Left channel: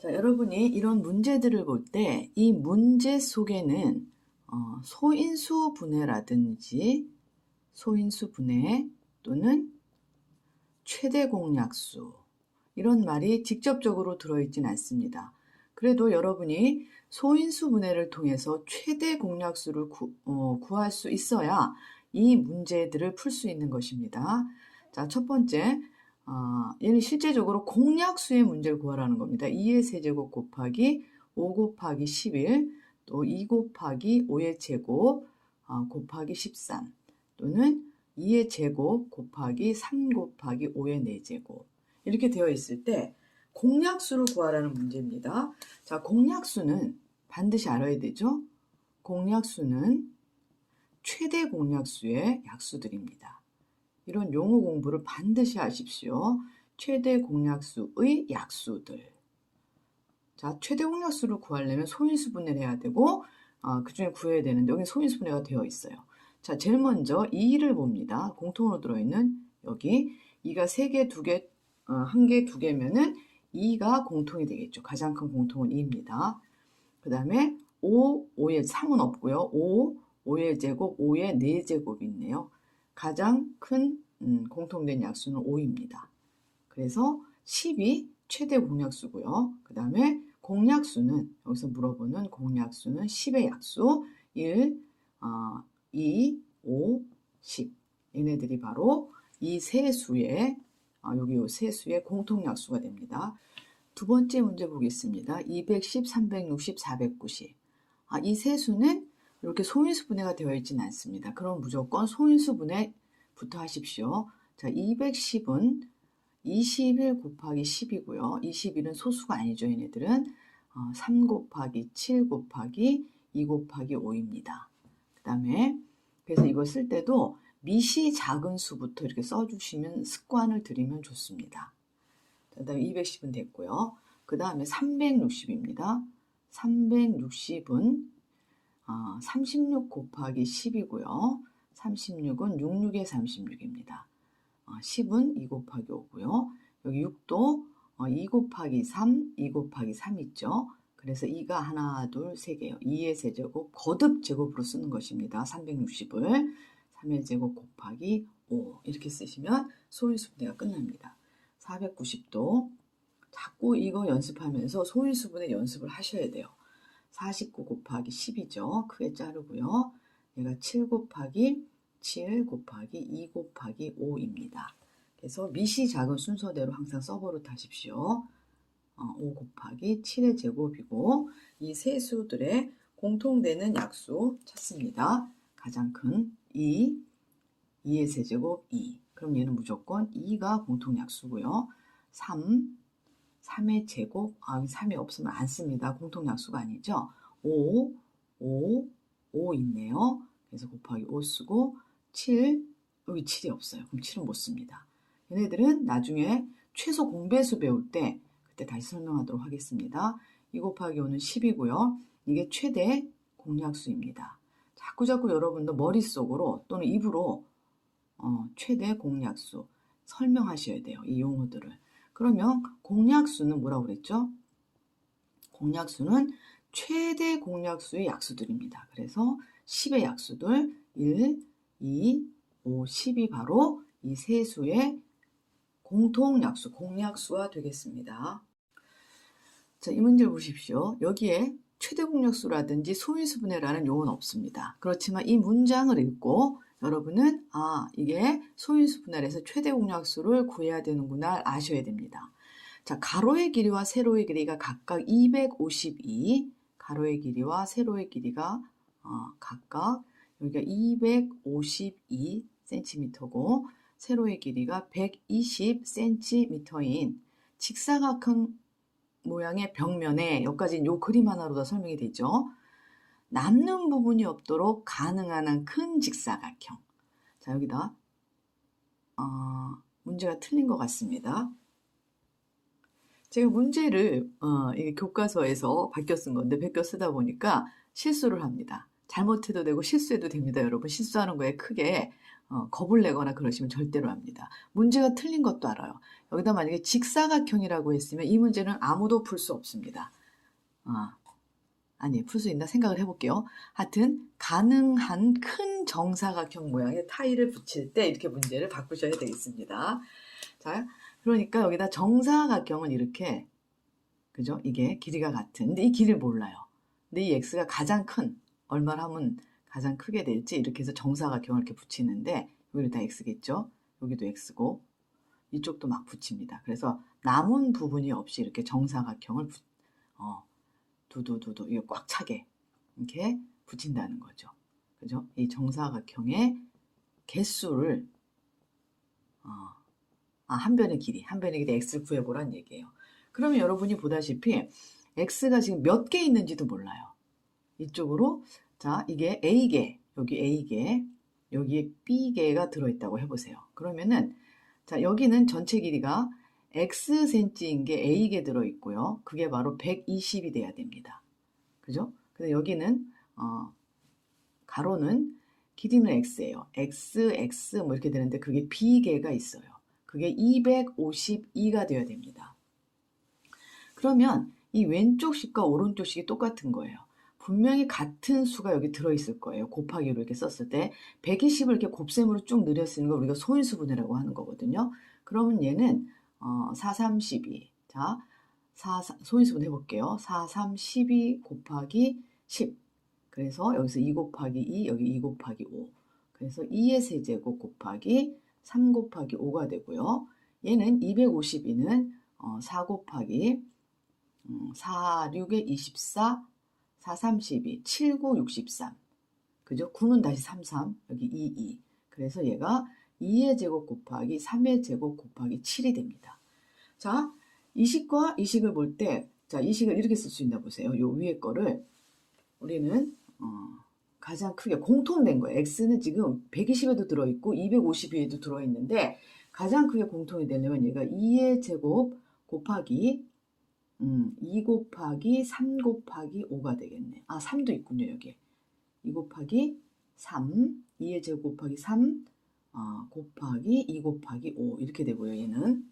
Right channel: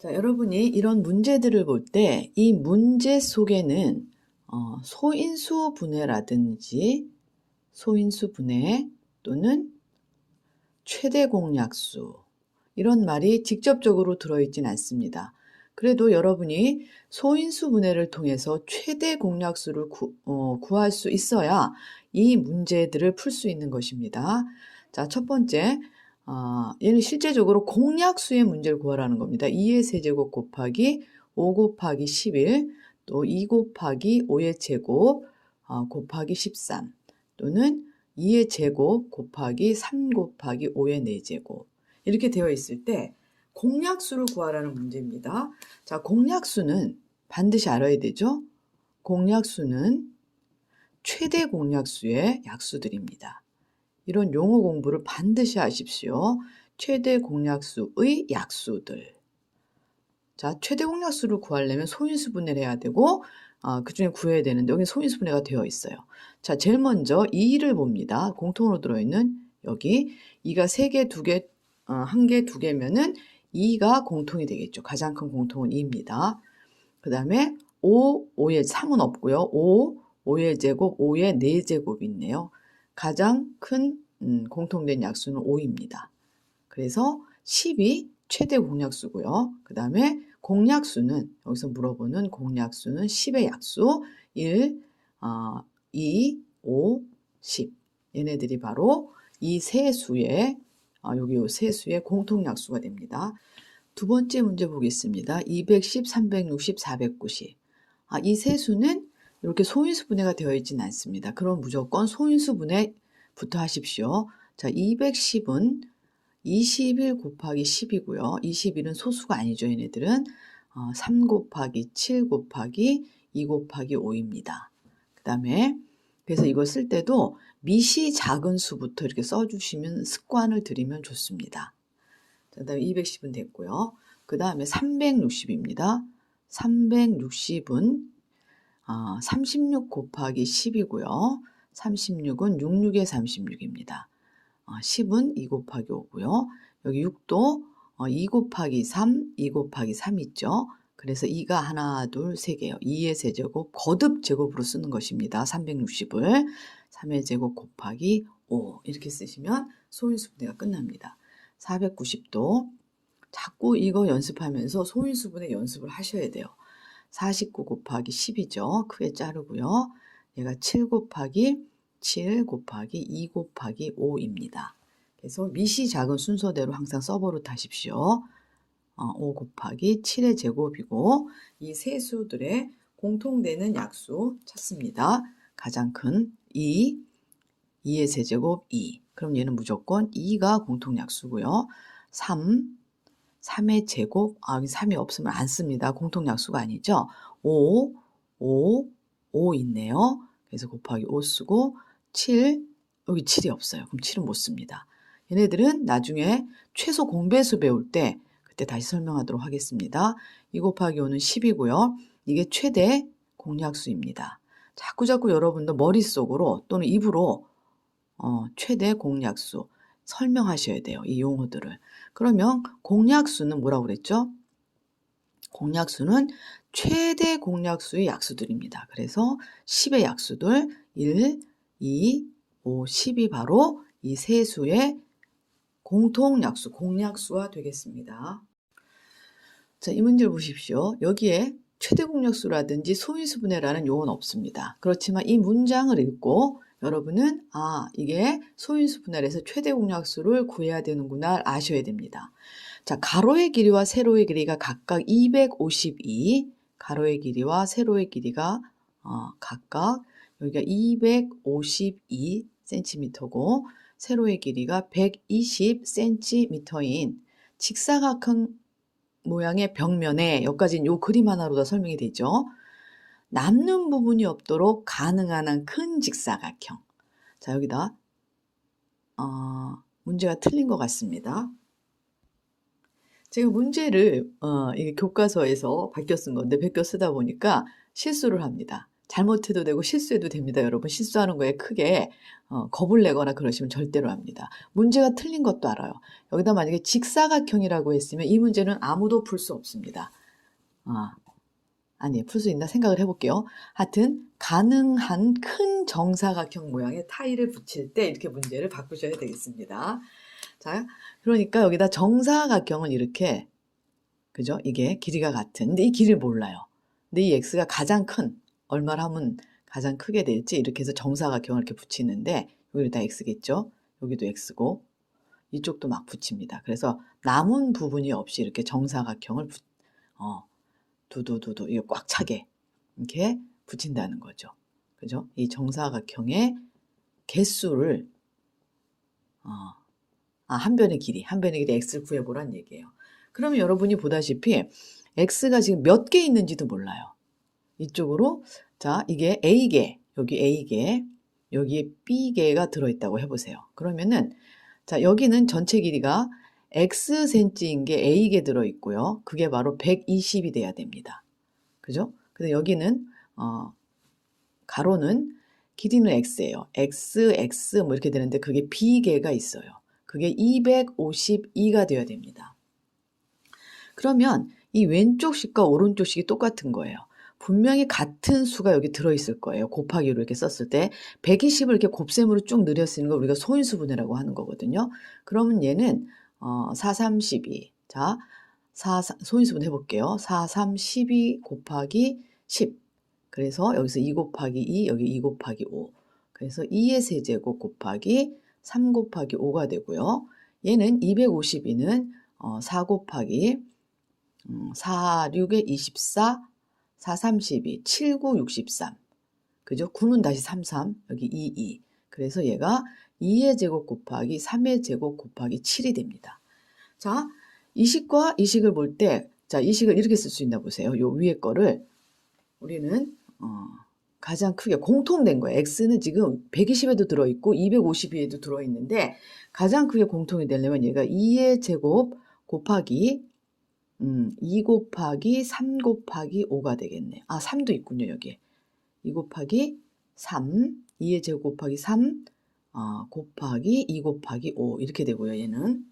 자, 여러분이 이런 문제들을 볼 때 이 문제 속에는 소인수 분해라든지 소인수 분해 또는 최대 공약수 이런 말이 직접적으로 들어있진 않습니다. 그래도 여러분이 소인수 분해를 통해서 최대 공약수를 구할 수 있어야 이 문제들을 풀 수 있는 것입니다. 자, 첫 번째, 얘는 실제적으로 공약수의 문제를 구하라는 겁니다. 2의 세제곱 곱하기 5 곱하기 11, 또 2 곱하기 5의 제곱 곱하기 13, 또는 2의 제곱 곱하기 3 곱하기 5의 4제곱 이렇게 되어 있을 때 공약수를 구하라는 문제입니다. 자, 공약수는 반드시 알아야 되죠. 공약수는 최대 공약수의 약수들입니다. 이런 용어 공부를 반드시 하십시오. 최대 공약수의 약수들. 자, 최대 공약수를 구하려면 소인수 분해를 해야 되고 그 중에 구해야 되는데 여기 소인수 분해가 되어 있어요. 자, 제일 먼저 2를 봅니다. 공통으로 들어있는 여기 2가 3개, 2개, 1개, 2개면은 2가 공통이 되겠죠. 가장 큰 공통은 2입니다. 그 다음에 5의 3은 없고요. 5의 제곱, 5의 4제곱이 있네요. 가장 큰 공통된 약수는 5입니다. 그래서 10이 최대 공약수고요. 그 다음에 공약수는 여기서 물어보는 공약수는 10의 약수 1, 2, 5, 10 얘네들이 바로 이 세 수의 여기 요 세 수의 공통약수가 됩니다. 두 번째 문제 보겠습니다. 210, 360, 490. 이 세 수는 이렇게 소인수 분해가 되어 있지는 않습니다. 그럼 무조건 소인수 분해부터 하십시오. 자, 210은 21 곱하기 10이고요. 21은 소수가 아니죠. 얘네들은 3 곱하기 7 곱하기 2 곱하기 5입니다. 그 다음에 그래서 이걸 쓸 때도 미시 작은 수부터 이렇게 써주시면 습관을 들이면 좋습니다. 그 다음에 210은 됐고요. 그 다음에 360입니다. 360은 36 곱하기 10이고요. 36은 66의 36입니다. 10은 2 곱하기 5고요. 여기 6도 2 곱하기 3, 2 곱하기 3 있죠. 그래서 2가 하나, 둘, 3개요. 2의 세제곱 거듭 제곱으로 쓰는 것입니다. 360을 3의 제곱 곱하기 5 이렇게 쓰시면 소인수 분해가 끝납니다. 490도 자꾸 이거 연습하면서 소인수 분해 연습을 하셔야 돼요. 49 곱하기 10이죠. 크게 자르고요. 얘가 7 곱하기 7 곱하기 2 곱하기 5입니다. 그래서 미시 작은 순서대로 항상 써버릇 하십시오. 5 곱하기 7의 제곱이고 이 세 수들의 공통되는 약수 찾습니다. 가장 큰 2, 2의 세제곱 2. 그럼 얘는 무조건 2가 공통약수고요. 3, 3의 제곱, 여기 3이 없으면 안 씁니다. 공통약수가 아니죠. 5, 5, 5 있네요. 그래서 곱하기 5 쓰고 7, 여기 7이 없어요. 그럼 7은 못 씁니다. 얘네들은 나중에 최소 공배수 배울 때 그때 다시 설명하도록 하겠습니다. 2 곱하기 5는 10이고요. 이게 최대 공약수입니다. 자꾸 여러분도 머릿속으로 또는 입으로 최대 공약수 설명하셔야 돼요. 이 용어들을. 그러면 공약수는 뭐라고 그랬죠? 공약수는 최대 공약수의 약수들입니다. 그래서 10의 약수들 1, 2, 5, 10이 바로 이 세 수의 공통약수, 공약수가 되겠습니다. 자, 이 문제를 보십시오. 여기에 최대 공약수라든지 소인수 분해라는 용어는 없습니다. 그렇지만 이 문장을 읽고 여러분은 이게 소인수 분할에서 최대 공약수를 구해야 되는구나 아셔야 됩니다. 자, 가로의 길이와 세로의 길이가 각각 252, 가로의 길이와 세로의 길이가 각각 여기가 252cm고 세로의 길이가 120cm인 직사각형 모양의 벽면에 여기까지는 요 그림 하나로 다 설명이 되죠. 남는 부분이 없도록 가능한 한 큰 직사각형. 자, 여기다 문제가 틀린 것 같습니다. 제가 문제를 이게 교과서에서 베껴 쓴 건데 베껴 쓰다 보니까 실수를 합니다. 잘못해도 되고 실수해도 됩니다. 여러분 실수하는 거에 크게 겁을 내거나 그러시면 절대로 합니다. 문제가 틀린 것도 알아요. 여기다 만약에 직사각형이라고 했으면 이 문제는 아무도 풀 수 없습니다. 아니, 풀 수 있나 생각을 해볼게요. 하여튼 가능한 큰 정사각형 모양의 타일을 붙일 때 이렇게 문제를 바꾸셔야 되겠습니다. 자, 그러니까 여기다 정사각형은 이렇게, 그죠? 이게 길이가 같은. 근데 이 길이를 몰라요. 근데 이 x가 가장 큰, 얼마를 하면 가장 크게 될지 이렇게 해서 정사각형을 이렇게 붙이는데 여기 다 x겠죠? 여기도 x고 이쪽도 막 붙입니다. 그래서 남은 부분이 없이 이렇게 정사각형을 두두두두 이게 꽉 차게 이렇게 붙인다는 거죠. 그죠? 이 정사각형의 개수를 한 변의 길이 x를 구해보란 얘기예요. 그러면 여러분이 보다시피 x가 지금 몇 개 있는지도 몰라요. 이쪽으로 자 이게 a개 여기 a개 여기에 b개가 들어있다고 해보세요. 그러면은 자 여기는 전체 길이가 xcm인 게 a개 들어있고요. 그게 바로 120이 돼야 됩니다. 그죠? 근데 여기는 가로는 길이는 x예요. x 뭐 이렇게 되는데 그게 b개가 있어요. 그게 252가 되어야 됩니다. 그러면 이 왼쪽 식과 오른쪽 식이 똑같은 거예요. 분명히 같은 수가 여기 들어있을 거예요. 곱하기로 이렇게 썼을 때 120을 이렇게 곱셈으로 쭉 늘려 쓰는 걸 우리가 소인수분해라고 하는 거거든요. 그러면 얘는 4, 3, 12. 자, 소인수분 해볼게요. 4, 3, 12 곱하기 10. 그래서 여기서 2 곱하기 2, 여기 2 곱하기 5. 그래서 2의 세제곱 곱하기 3 곱하기 5가 되고요. 얘는 252는 4 곱하기 4, 6에 24, 4, 32, 7, 9, 63. 그죠? 9는 다시 33, 여기 2, 2. 그래서 얘가 2의 제곱 곱하기 3의 제곱 곱하기 7이 됩니다. 자, 이 식과 이 식을 볼 때, 자, 이 식을 이렇게 쓸 수 있나 보세요. 요 위에 거를 우리는 가장 크게 공통된 거예요. x는 지금 120에도 들어있고 252에도 들어있는데 가장 크게 공통이 되려면 얘가 2의 제곱 곱하기 2 곱하기 3 곱하기 5가 되겠네. 3도 있군요, 여기에. 2 곱하기 3, 2의 제곱 곱하기 3, 곱하기 2 곱하기 5 이렇게 되고요, 얘는.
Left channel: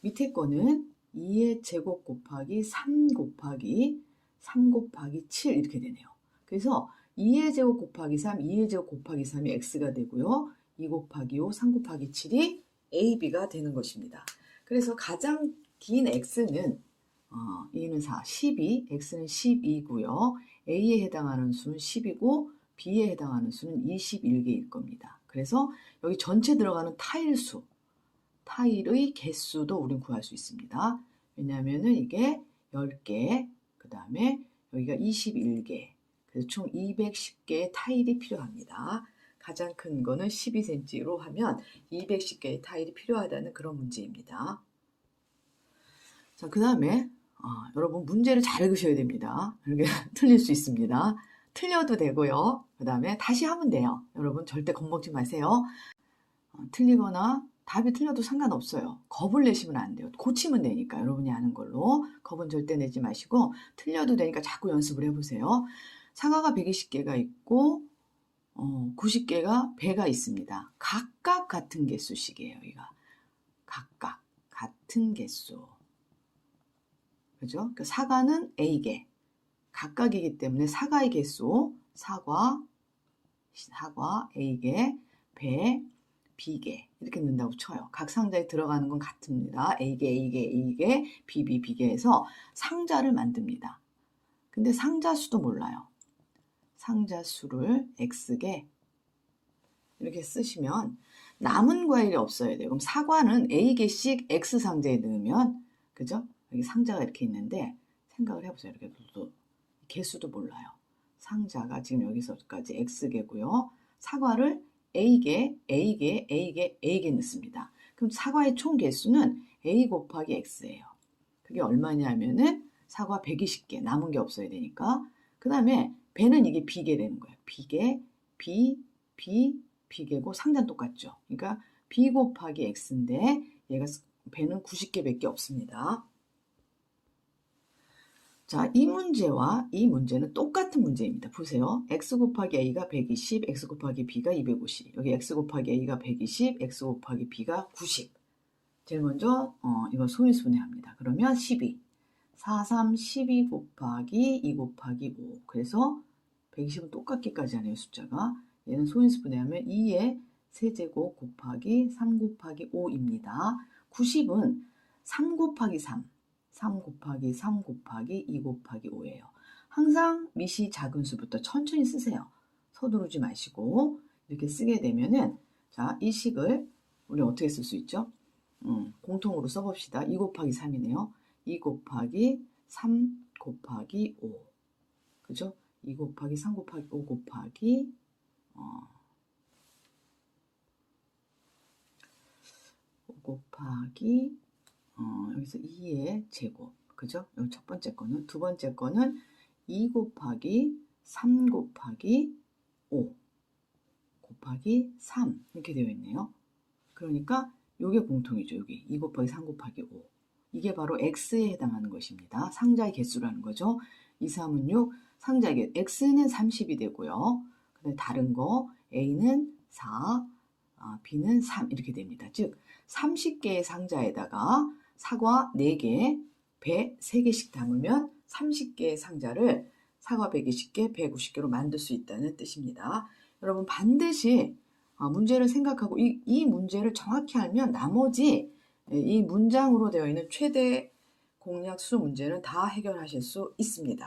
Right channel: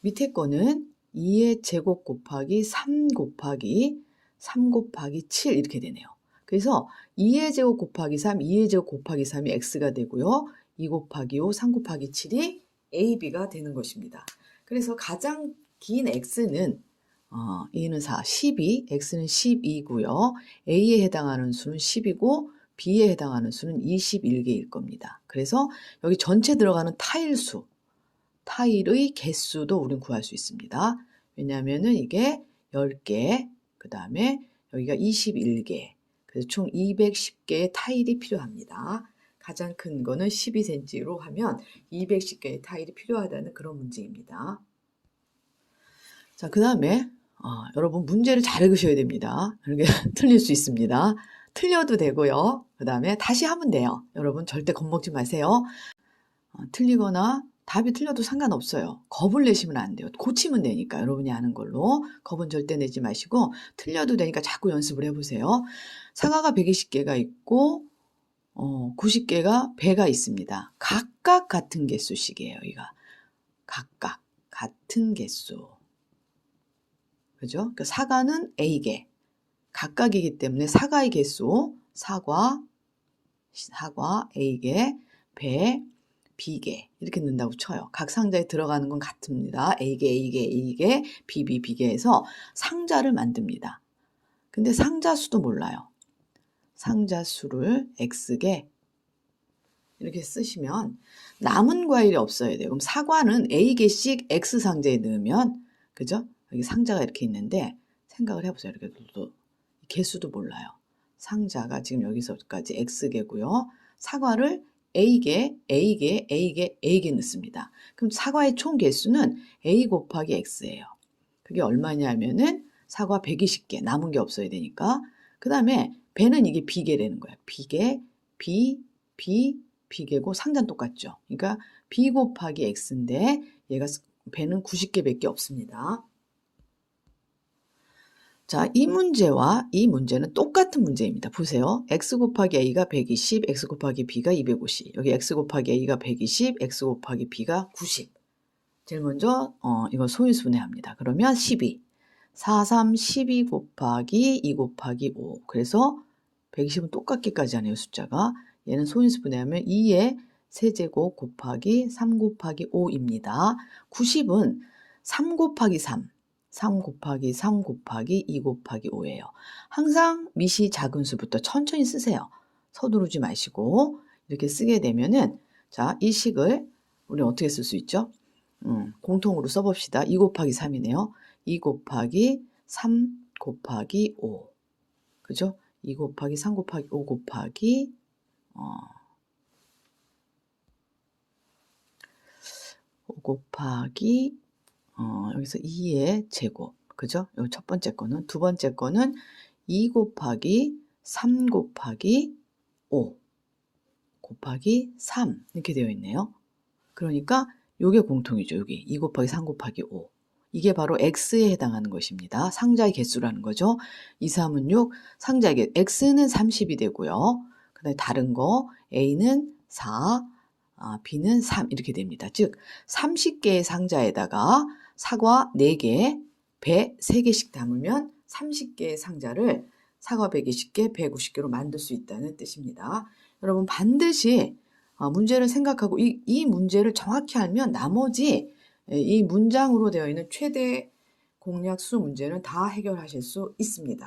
밑에 거는 2의 제곱 곱하기 3 곱하기 3 곱하기 7 이렇게 되네요. 그래서 2의 제곱 곱하기 3, 2의 제곱 곱하기 3이 x가 되고요. 2 곱하기 5, 3 곱하기 7이 ab가 되는 것입니다. 그래서 가장 긴 x는 E는 4, 12, x는 12고요. A에 해당하는 수는 10이고 B에 해당하는 수는 21개일 겁니다. 그래서 여기 전체 들어가는 타일 수, 타일의 개수도 우린 구할 수 있습니다. 왜냐하면은 이게 10개, 그 다음에 여기가 21개, 그래서 총 210개의 타일이 필요합니다. 가장 큰 거는 12cm로 하면 210개의 타일이 필요하다는 그런 문제입니다. 자, 그 다음에 여러분 문제를 잘 읽으셔야 됩니다. 이렇게 틀릴 수 있습니다. 틀려도 되고요. 그 다음에 다시 하면 돼요. 여러분 절대 겁먹지 마세요. 틀리거나 답이 틀려도 상관없어요. 겁을 내시면 안 돼요. 고치면 되니까 여러분이 아는 걸로 겁은 절대 내지 마시고 틀려도 되니까 자꾸 연습을 해보세요. 사과가 120개가 있고 90개가 배가 있습니다. 각각 같은 개수씩이에요. 이가 각각 같은 개수. 그죠? 그러니까 사과는 A개, 각각이기 때문에 사과의 개수, 사과 A개, 배, B개 이렇게 넣는다고 쳐요. 각 상자에 들어가는 건 같습니다. A개, B개에서 상자를 만듭니다. 근데 상자 수도 몰라요. 상자 수를 X개 이렇게 쓰시면 남은 과일이 없어야 돼요. 그럼 사과는 A개씩 X 상자에 넣으면, 그죠? 여기 상자가 이렇게 있는데 생각을 해보세요. 이렇게 개수도 몰라요. 상자가 지금 여기서까지 X개고요. 사과를 A개 넣습니다. 그럼 사과의 총 개수는 A 곱하기 X예요. 그게 얼마냐면은 사과 120개, 남은 게 없어야 되니까. 그 다음에 배는 이게 B개라는 거예요. B개, B개고 상자는 똑같죠. 그러니까 B 곱하기 X인데 얘가 배는 90개밖에 없습니다. 자, 이 문제와 이 문제는 똑같은 문제입니다. 보세요. x 곱하기 a가 120, x 곱하기 b가 250. 여기 x 곱하기 a가 120, x 곱하기 b가 90. 제일 먼저 이거 소인수분해합니다. 그러면 12. 4, 3, 12 곱하기 2 곱하기 5. 그래서 120은 똑같기까지 하네요. 숫자가. 얘는 소인수분해하면 2의 세제곱 곱하기 3 곱하기 5입니다. 90은 3 곱하기 3. 3 곱하기 3 곱하기 2 곱하기 5예요. 항상 미시 작은 수부터 천천히 쓰세요. 서두르지 마시고 이렇게 쓰게 되면은 자, 이 식을 우리 어떻게 쓸 수 있죠? 공통으로 써봅시다. 2 곱하기 3이네요. 2 곱하기 3 곱하기 5. 그죠? 2 곱하기 3 곱하기 5 곱하기 5 곱하기 여기서 2의 제곱. 그죠? 요 첫 번째 거는. 두 번째 거는 2 곱하기 3 곱하기 5 곱하기 3 이렇게 되어 있네요. 그러니까 요게 공통이죠. 여기 2 곱하기 3 곱하기 5. 이게 바로 x에 해당하는 것입니다. 상자의 개수라는 거죠. 2, 3은 6, 상자의 개수. x는 30이 되고요. 그다음에 다른 거 a는 4, b는 3 이렇게 됩니다. 즉 30개의 상자에다가 사과 4개, 배 3개씩 담으면 30개의 상자를 사과 120개, 150개로 만들 수 있다는 뜻입니다. 여러분 반드시 문제를 생각하고 이 문제를 정확히 알면 나머지 이 문장으로 되어 있는 최대 공약수 문제는 다 해결하실 수 있습니다.